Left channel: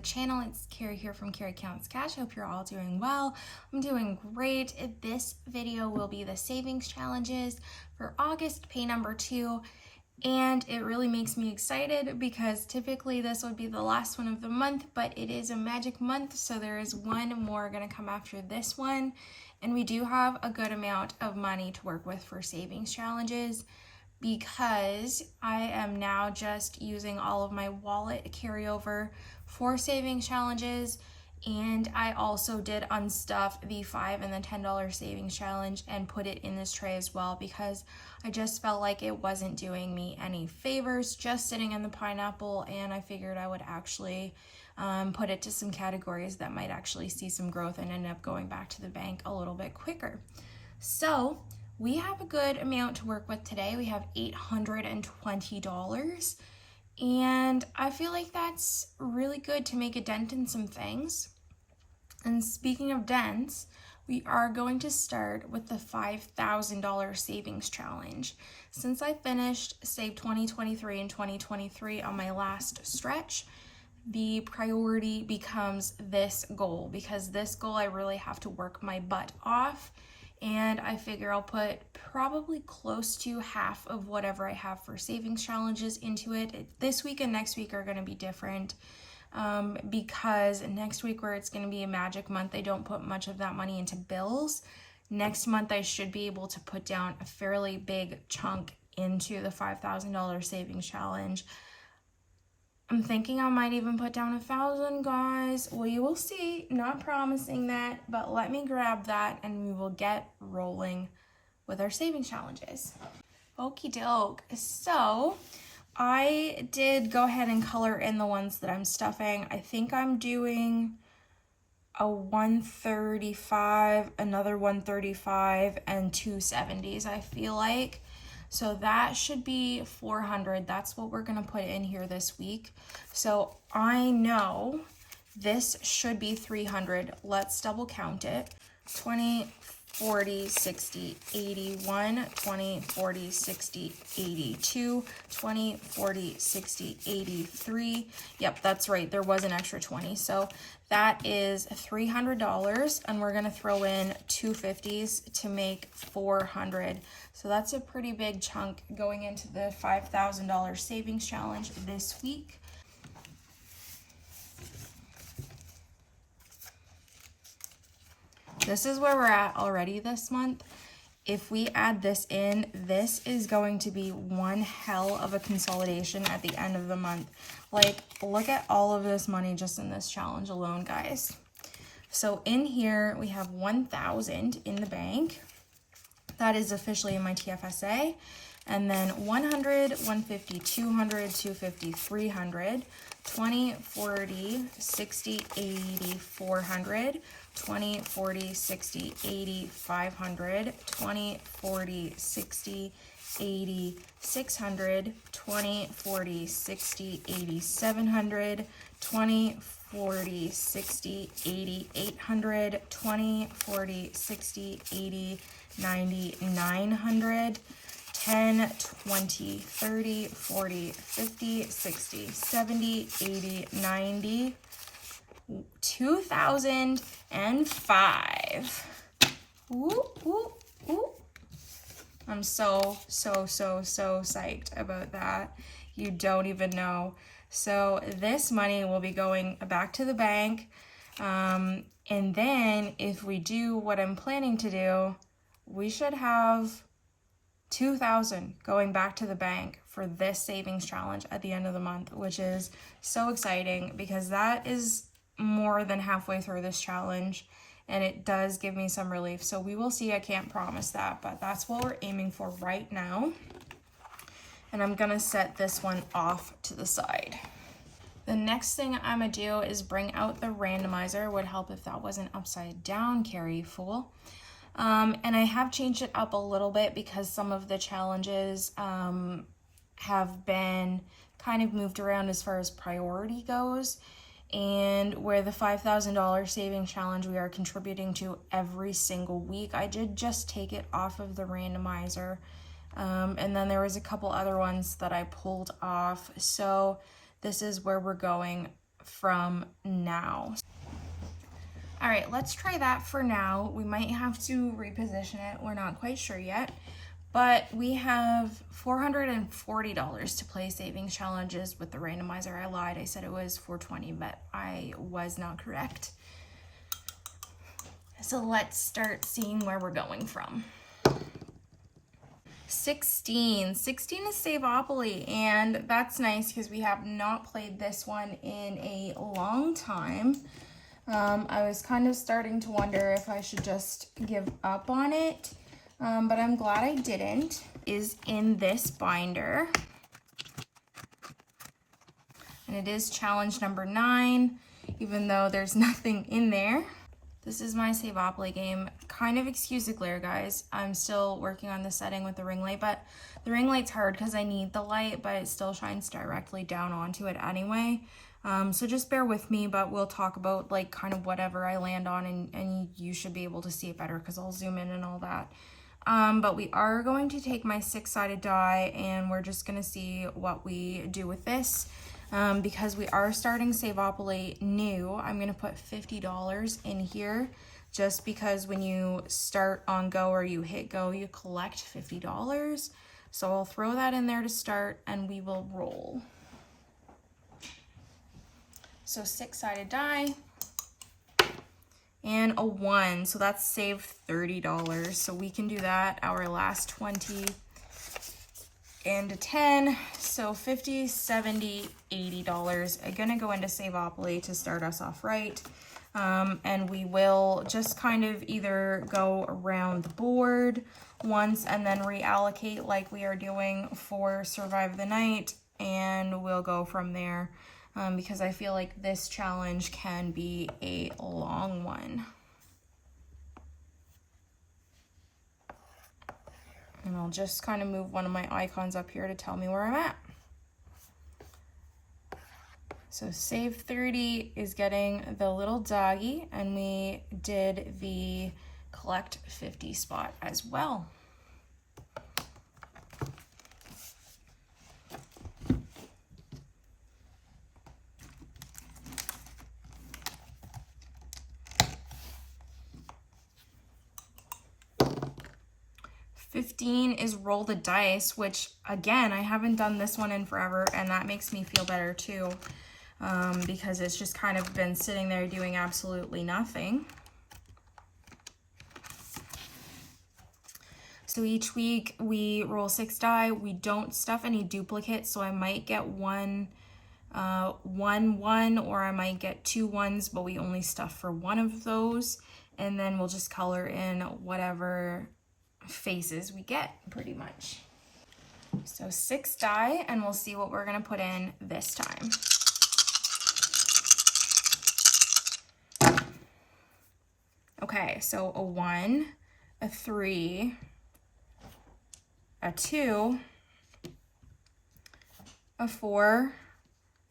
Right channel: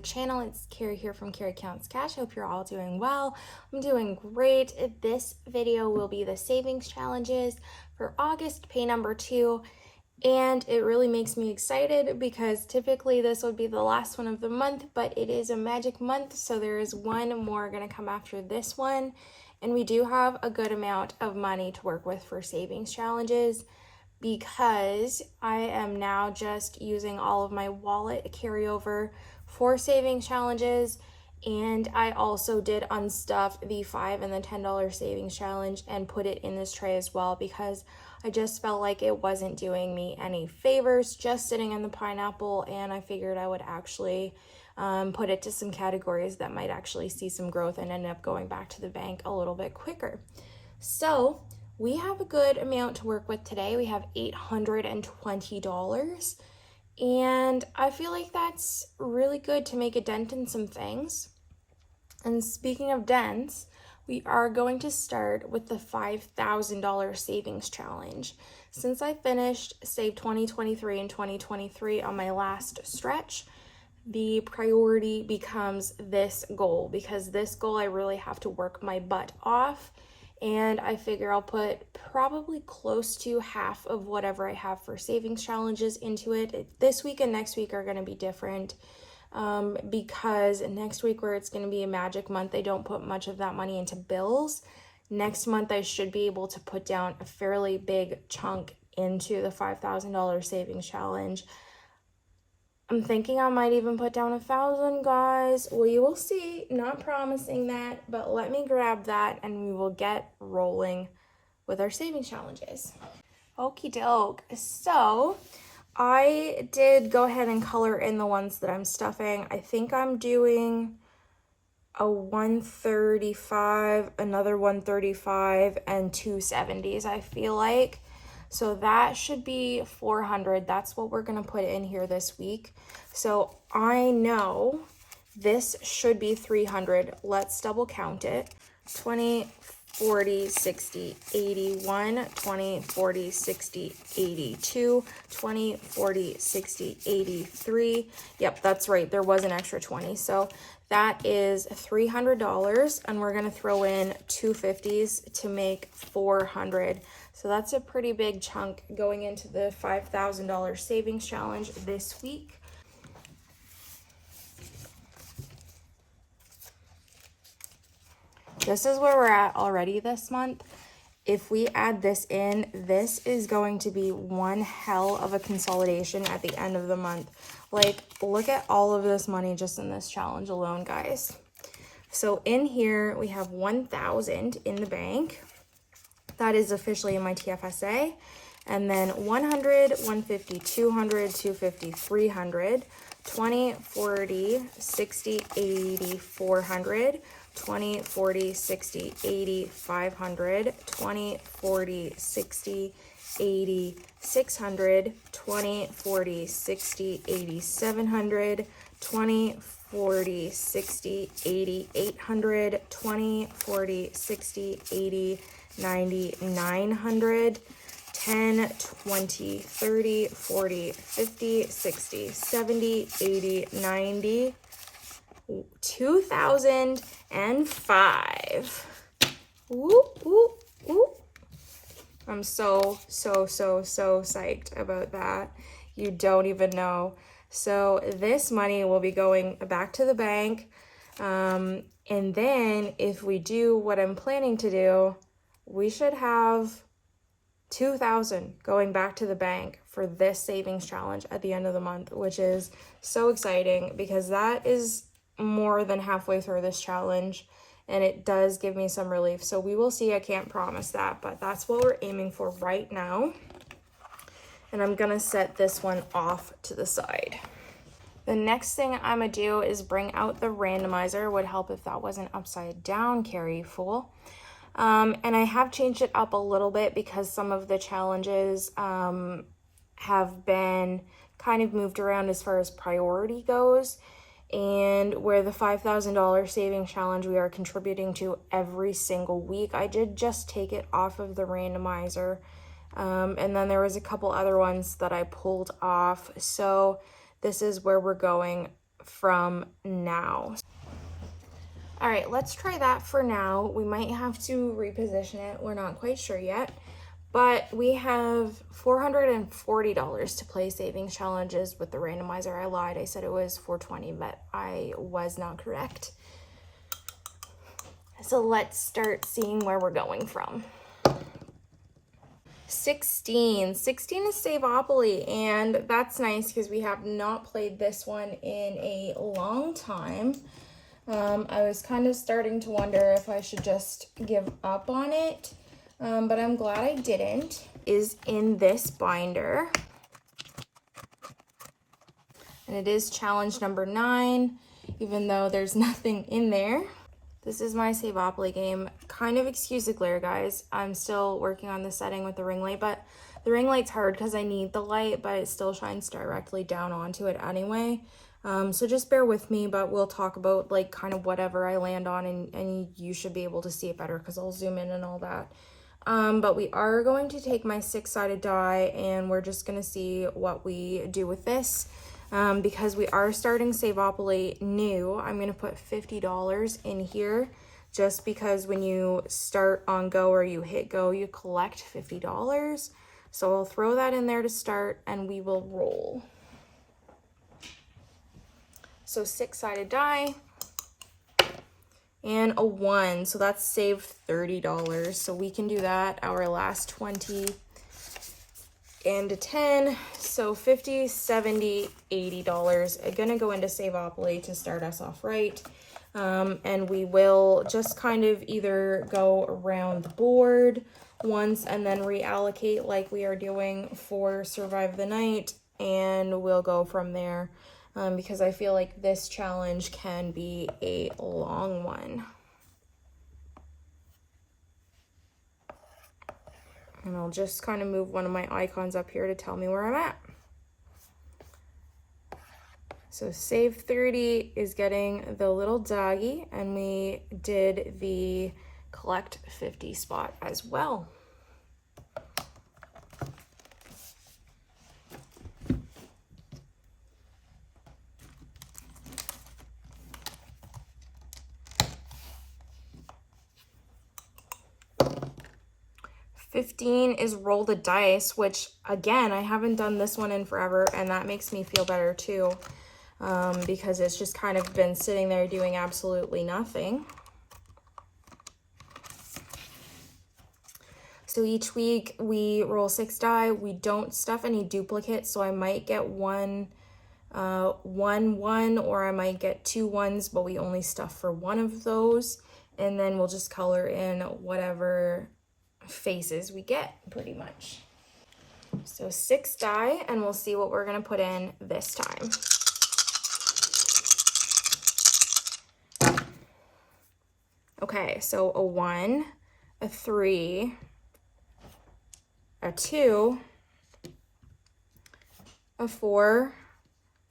the channel. It's Carrie here from Carrie Counts Cash. Hope you're all doing well. I'm doing great. This video will be the savings challenges for August, pay number 2. And it really makes me excited because typically this would be the last one of the month, but it is a magic month, so there is one more going to come after this one. And we do have a good amount of money to work with for savings challenges because I am now just using all of my wallet carryover for savings challenges. And I also did unstuff the $5 and the $10 savings challenge and put it in this tray as well because I just felt like it wasn't doing me any favors just sitting in the pineapple, and I figured I would actually put it to some categories that might actually see some growth and end up going back to the bank a little bit quicker. So we have a good amount to work with today. We have $820. And I feel like that's really good to make a dent in some things. And speaking of dents, we are going to start with the $5,000 savings challenge. Since I finished Save 2023 and 2023 on my last stretch, the priority becomes this goal because this goal I really have to work my butt off. And I figure I'll put probably close to half of whatever I have for savings challenges into it. This week and next week are going to be different because next week, where it's going to be a magic month, I don't put much of that money into bills. Next month, I should be able to put down a fairly big chunk into the $5,000 savings challenge. I'm thinking I might even put down 1,000, guys. We will see. Not promising that, but let me grab that and we will get rolling with our savings challenges. Okie doke. So I did go ahead and color in the ones that I'm stuffing. I think I'm doing a 135, another 135, and 270s, I feel like. So that should be 400. That's what we're gonna put in here this week. So I know this should be 300. Let's double count it. 20, 40, 60, 81, 20, 40, 60, 82, 20, 40, 60, 83. Yep, that's right. There was an extra 20. So that is $300, and we're gonna throw in 250s to make 400. So that's a pretty big chunk going into the $5,000 savings challenge this week. This is where we're at already this month. If we add this in, this is going to be one hell of a consolidation at the end of the month. Like, look at all of this money just in this challenge alone, guys. So in here, we have 1,000 in the bank. That is officially in my TFSA. And then 100, 150, 200, 250, 300, 20, 40, 60, 80, 400, 20, 40, 60, 80, 500, 20, 40, 60, 80, 600, 20, 40, 60, 80, 700, 20, 40, 60, 80, 800, 20, 40, 60, 80, 90, 900, 10, 20, 30, 40, 50, 60, 70, 80, 90, 2005. Whoop, whoop, whoop. I'm so psyched about that. You don't even know. So this money will be going back to the bank. And then if we do what I'm planning to do, we should have 2,000 going back to the bank for this savings challenge at the end of the month, which is so exciting because that is more than halfway through this challenge and it does give me some relief. So we will see. I can't promise that, but that's what we're aiming for right now. And I'm gonna set this one off to the side. The next thing I'm gonna do is bring out the randomizer. Would help if that wasn't upside down, Carrie fool. And I have changed it up a little bit because some of the challenges have been kind of moved around as far as priority goes. And where the $5,000 savings challenge we are contributing to every single week, I did just take it off of the randomizer. And then there was a couple other ones that I pulled off. So this is where we're going from now. All right, let's try that for now. We might have to reposition it. We're not quite sure yet, but we have $440 to play savings challenges with the randomizer. I lied, I said it was $420, but I was not correct. So let's start seeing where we're going from. 16 is Save Opoly, and that's nice because we have not played this one in a long time. I was kind of starting to wonder if I should just give up on it, but I'm glad I didn't. Is in this binder, and it is challenge number 9, even though there's nothing in there. This is my Save Opoly game. Kind of excuse the glare, guys. I'm still working on the setting with the ring light, but the ring light's hard because I need the light, but it still shines directly down onto it anyway. So just bear with me, but we'll talk about like kind of whatever I land on, and you should be able to see it better because I'll zoom in and all that. But we are going to take my 6-sided die and we're just going to see what we do with this. Because we are starting Save Opoly new, I'm going to put $50 in here just because when you start on go or you hit go, you collect $50. So I'll throw that in there to start and we will roll. So 6-sided die and a 1, so that's saved $30. So we can do that, our last 20 and a 10, so $50, $70, $80 are gonna go into Save Opoly to start us off right. And we will just kind of either go around the board once and then reallocate like we are doing for Survive the Night, and we'll go from there. Because I feel like this challenge can be a long one. And I'll just kind of move one of my icons up here to tell me where I'm at. So save 30 is getting the little doggy, and we did the collect 50 spot as well. $15 is roll the dice, which again, I haven't done this one in forever, and that makes me feel better too, because it's just kind of been sitting there doing absolutely nothing. So each week we roll 6 die. We don't stuff any duplicates, so I might get one, or I might get 2 1s, but we only stuff for one of those, and then we'll just color in whatever faces we get, pretty much. So 6 die, and we'll see what we're gonna put in this time. Okay, so a 1, a 3, a 2, a 4,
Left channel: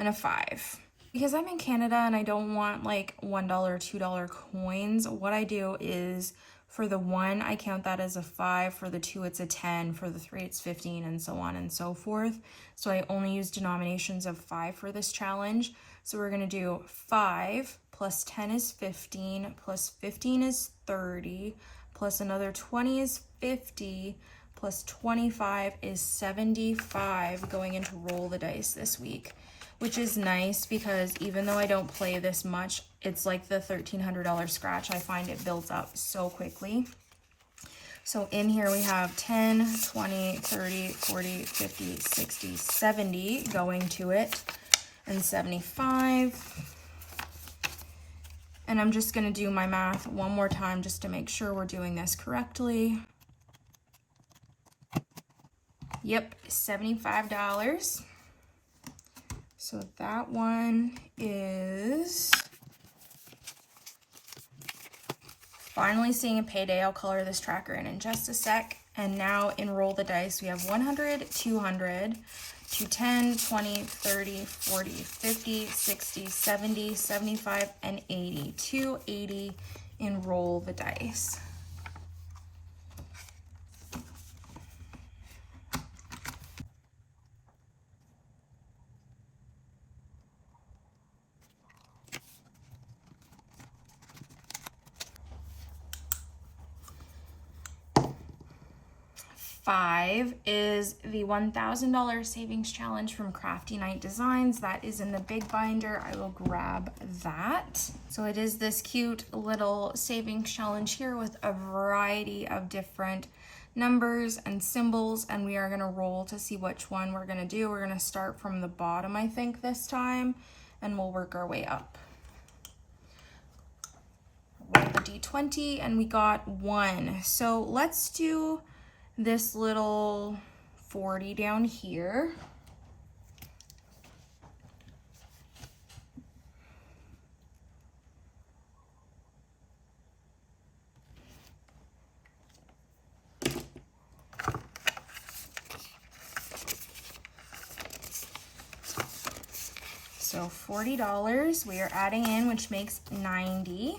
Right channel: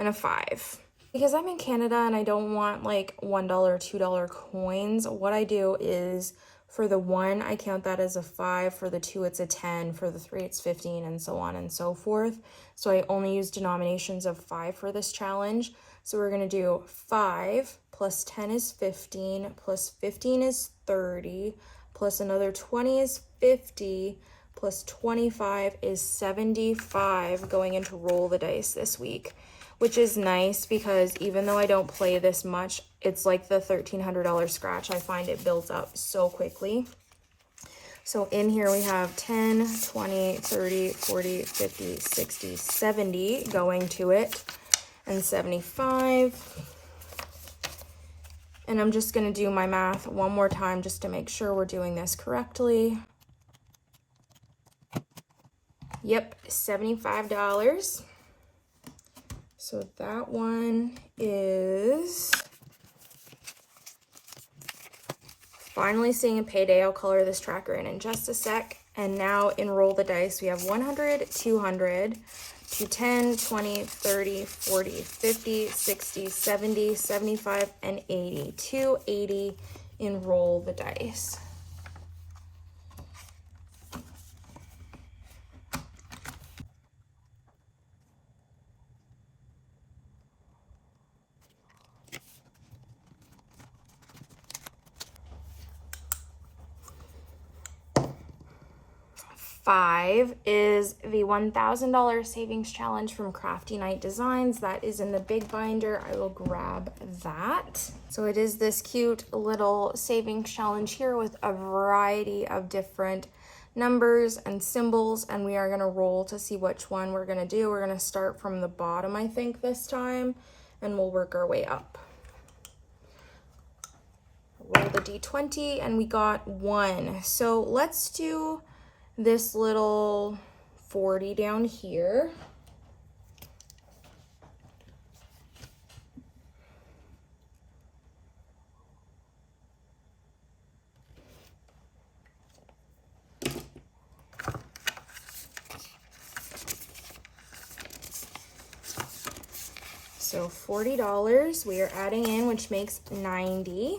and a 5. Because I'm in Canada and I don't want like $1, $2 coins, what I do is for the 1, I count that as a 5. For the 2, it's a 10. For the 3, it's 15, and so on and so forth. So I only use denominations of 5 for this challenge. So we're going to do 5 plus 10 is 15, plus 15 is 30, plus another 20 is 50, plus 25 is 75 going into roll the dice this week, which is nice because even though I don't play this much, it's like the $1,300 scratch. I find it builds up so quickly. So in here we have 10, 20, 30, 40, 50, 60, 70 going to it, and 75. And I'm just gonna do my math one more time just to make sure we're doing this correctly. Yep, $75. So that one is finally seeing a payday. I'll color this tracker in just a sec. And now in roll the dice, we have 100, 200, 210, 20, 30, 40, 50, 60, 70, 75, and 80. 280 in roll the dice. 5 is the $1,000 savings challenge from Crafty Night Designs. That is in the big binder. I will grab that. So it is this cute little savings challenge here with a variety of different numbers and symbols, and we are going to roll to see which one we're going to do. We're going to start from the bottom, I think, this time, and we'll work our way up. Roll the D20, and we got 1. So let's do this little 40 down here. So $40 we are adding in, which makes 90.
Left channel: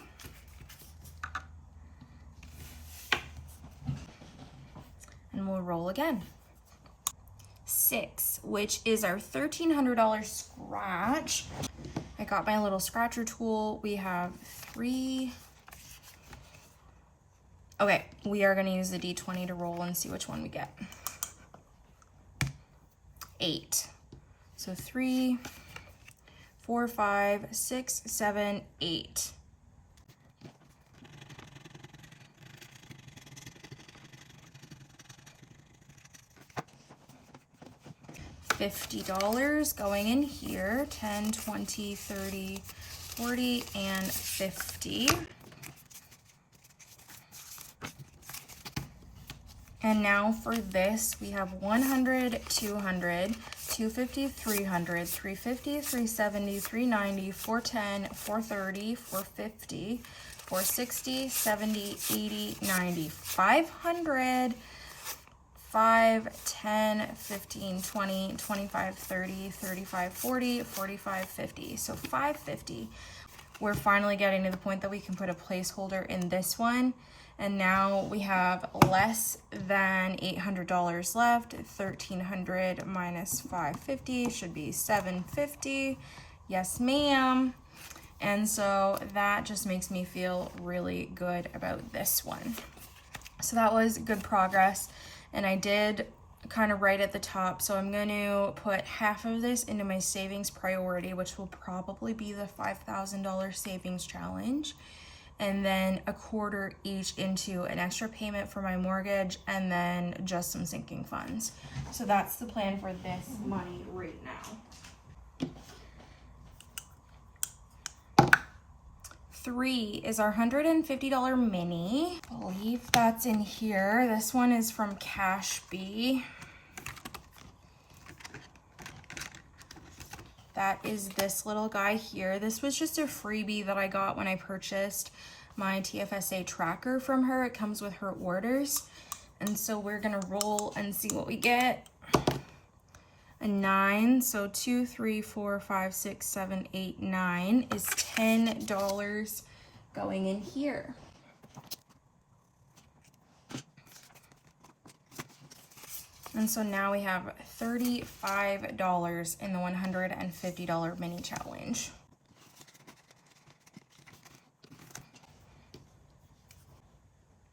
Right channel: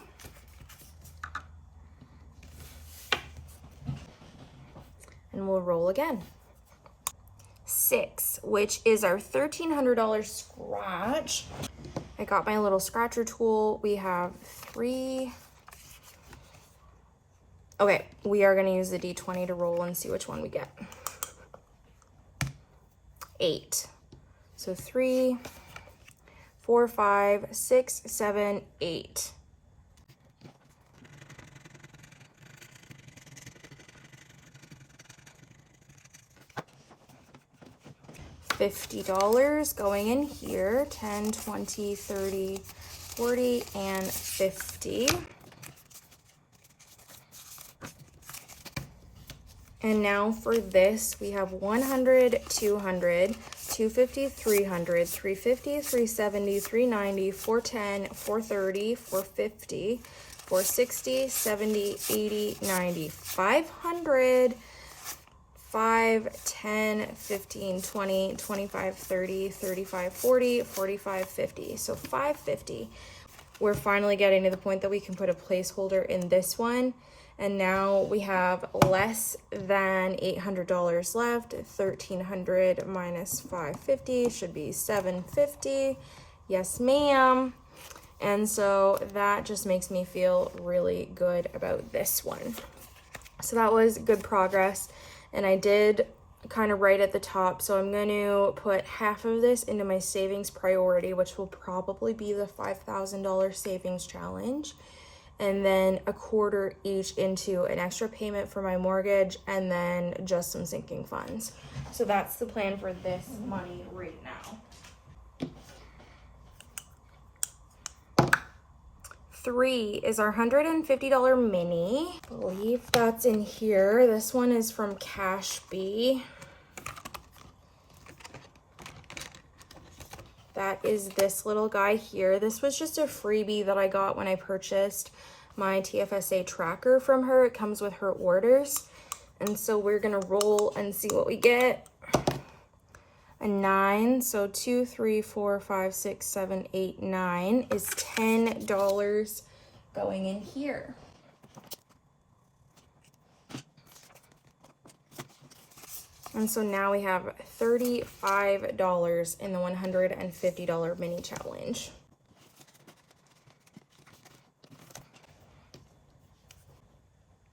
And we'll roll again. 6, which is our $1,300 scratch. I got my little scratcher tool. We have 3. Okay, we are gonna use the D20 to roll and see which one we get. 8. So 3, 4, 5, 6, 7, 8. $50 going in here, 10, 20, 30, 40, and 50. And now for this, we have 100, 200, 250, 300, 350, 370, 390, 410, 430, 450, 460, 70, 80, 90, 500. 5, 10, 15, 20, 25, 30, 35, 40, 45, 50. So 550. We're finally getting to the point that we can put a placeholder in this one. And now we have less than $800 left. 1,300 minus 550 should be 750. Yes, ma'am. And so that just makes me feel really good about this one. So that was good progress. And I did kind of right at the top, so I'm going to put half of this into my savings priority, which will probably be the $5,000 savings challenge, and then a quarter each into an extra payment for my mortgage, and then just some sinking funds. So that's the plan for this money right now. 3 is our $150 mini. I believe that's in here. This one is from CashBee. That is this little guy here. This was just a freebie that I got when I purchased my TFSA tracker from her. It comes with her orders. And so we're gonna roll and see what we get. A 9, so 2, 3, 4, 5, 6, 7, 8, 9 is $10 going in here. And so now we have $35 in the $150 mini challenge.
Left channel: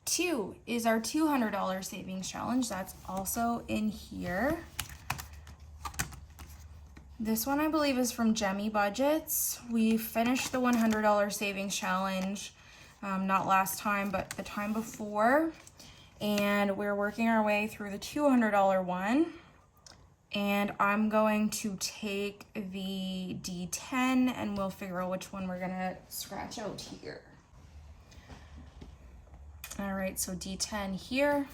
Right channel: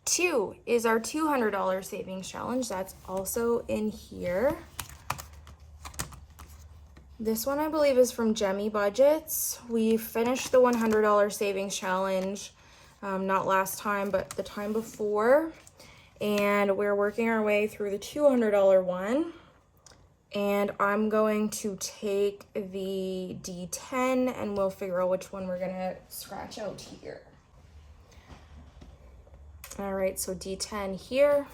Two is our $200 savings challenge. That's also in here. This one I believe is from Jemmy Budgets. We finished the $100 savings challenge, not last time, but the time before. And we're working our way through the $200 one. And I'm going to take the D10 and we'll figure out which one we're gonna scratch out here. All right, so D10 here.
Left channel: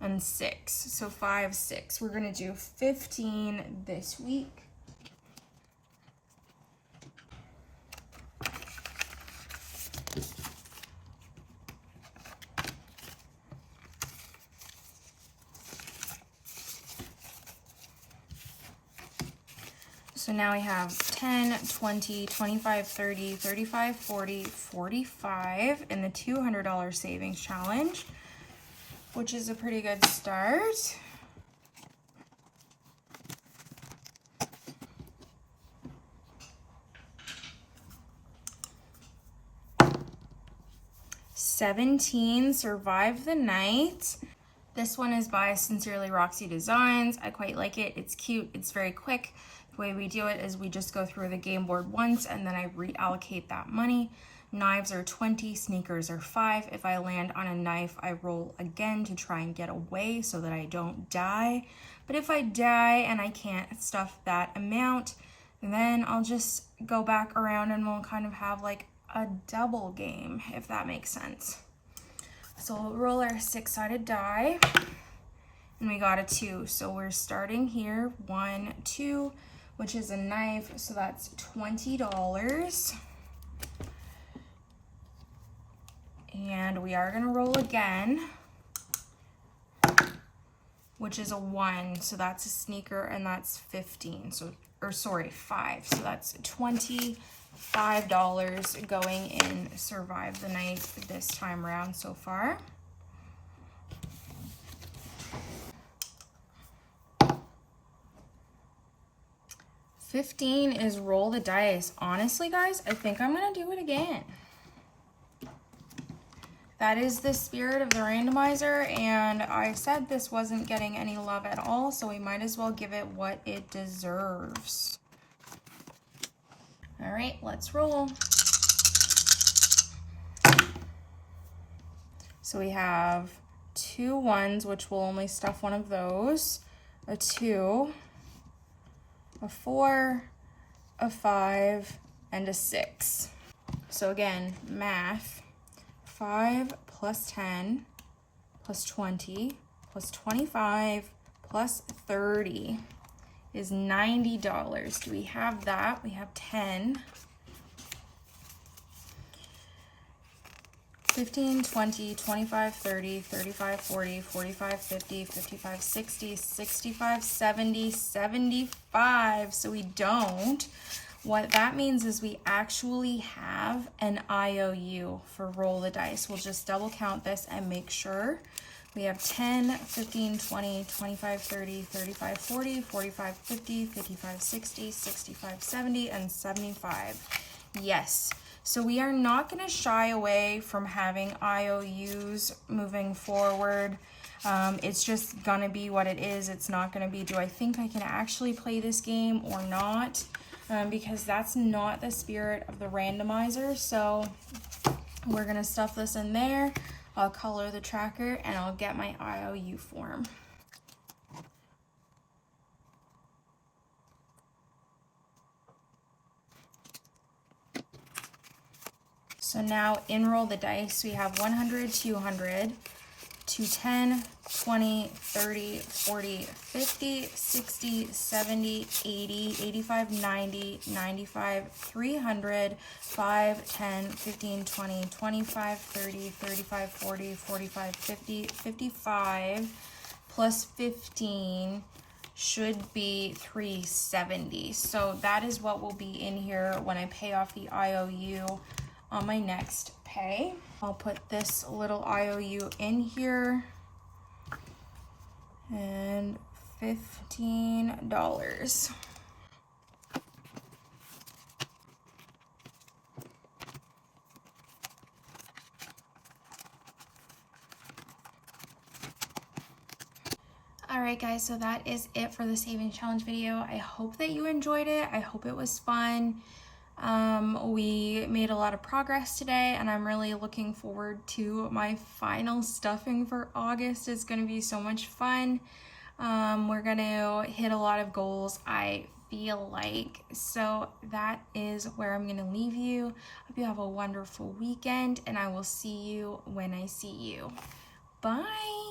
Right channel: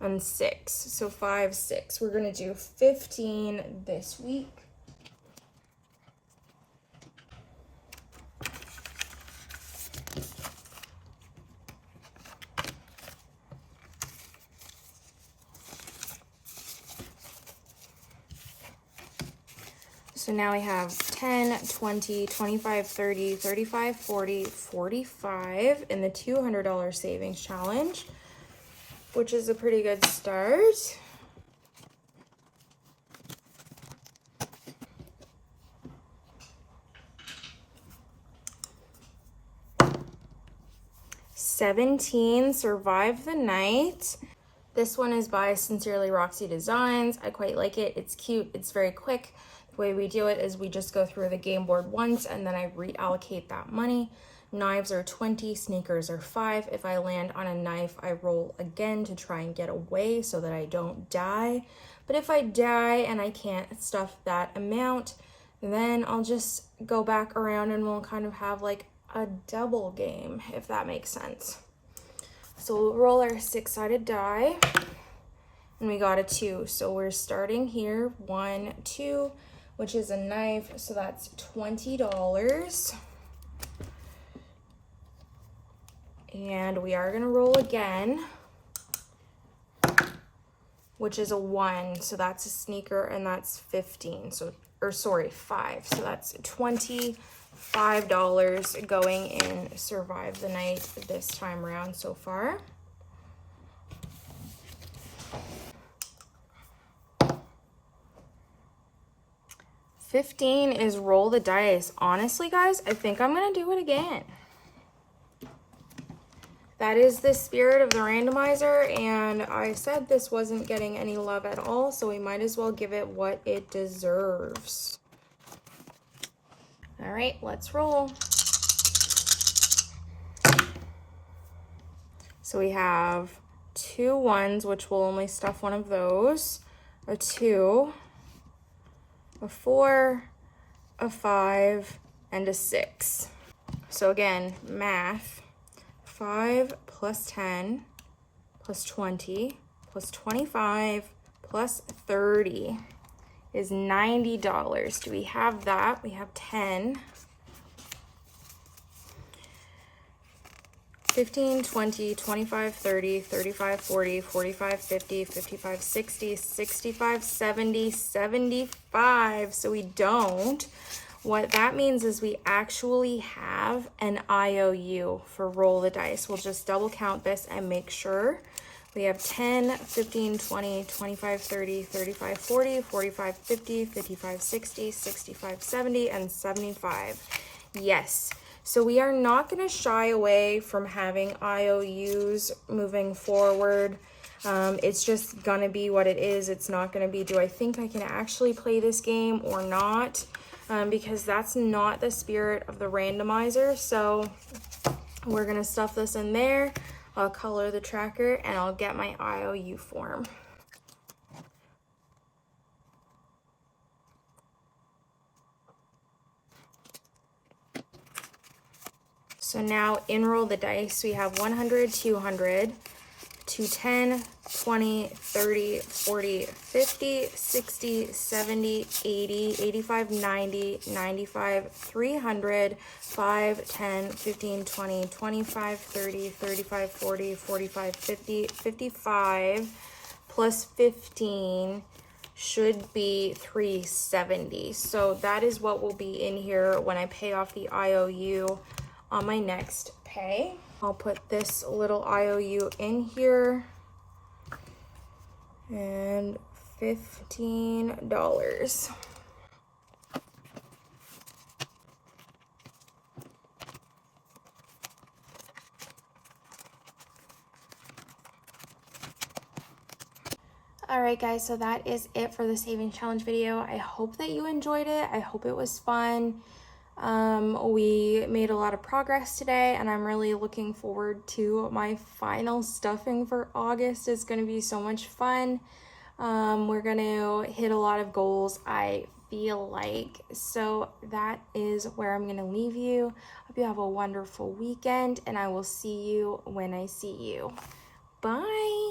And 6, so 5, 6. We're gonna do 15 this week. So now we have 10, 20, 25, 30, 35, 40, 45 in the $200 savings challenge, which is a pretty good start. 17, Survive the Night. This one is by Sincerely Roxy Designs. I quite like it. It's cute. It's very quick. The way we do it is we just go through the game board once and then I reallocate that money. Knives are 20, sneakers are 5. If I land on a knife, I roll again to try and get away so that I don't die. But if I die and I can't stuff that amount, then I'll just go back around and we'll kind of have like a double game, if that makes sense. So we'll roll our 6-sided die, and we got a 2. So we're starting here, 1, 2, which is a knife, so that's $20. And we are gonna roll again, which is a 1, so that's a sneaker, and that's 15. So, or sorry, 5. So that's $25 going in Survive the Night this time around so far. $15 is roll the dice. Honestly, guys, I think I'm gonna do it again. That is the spirit of the randomizer, and I said this wasn't getting any love at all, so we might as well give it what it deserves. All right, let's roll. So we have 2 1s, which will only stuff one of those, a 2, a 4, a 5, and a 6. So again, math, 5 plus 10 plus 20 plus 25 plus 30 is $90. Do we have that? We have 10. 15, 20, 25, 30, 35, 40, 45, 50, 55, 60, 65, 70, 75. So we don't. What that means is we actually have an IOU for roll the dice. We'll just double count this and make sure. We have 10, 15, 20, 25, 30, 35, 40, 45, 50, 55, 60, 65, 70, and 75. Yes. So we are not going to shy away from having IOUs moving forward. It's just going to be what it is. It's not going to be, do I think I can actually play this game or not? Because that's not the spirit of the randomizer. So we're going to stuff this in there. I'll color the tracker and I'll get my IOU form. So now enroll the dice. We have 100, 200, 210, 20, 30, 40, 50, 60, 70, 80, 85, 90, 95, 300, 5, 10, 15, 20, 25, 30, 35, 40, 45, 50, 55, plus 15 should be 370. So that is what will be in here when I pay off the IOU on my next pay. I'll put this little IOU in here and $15. All right, guys, so that is it for the savings challenge video. I hope that you enjoyed it. I hope it was fun. We made a lot of progress today, and I'm really looking forward to my final stuffing for August. It's going to be so much fun. We're going to hit a lot of goals, I feel like. So that is where I'm going to leave you. Hope you have a wonderful weekend, and I will see you when I see you. Bye.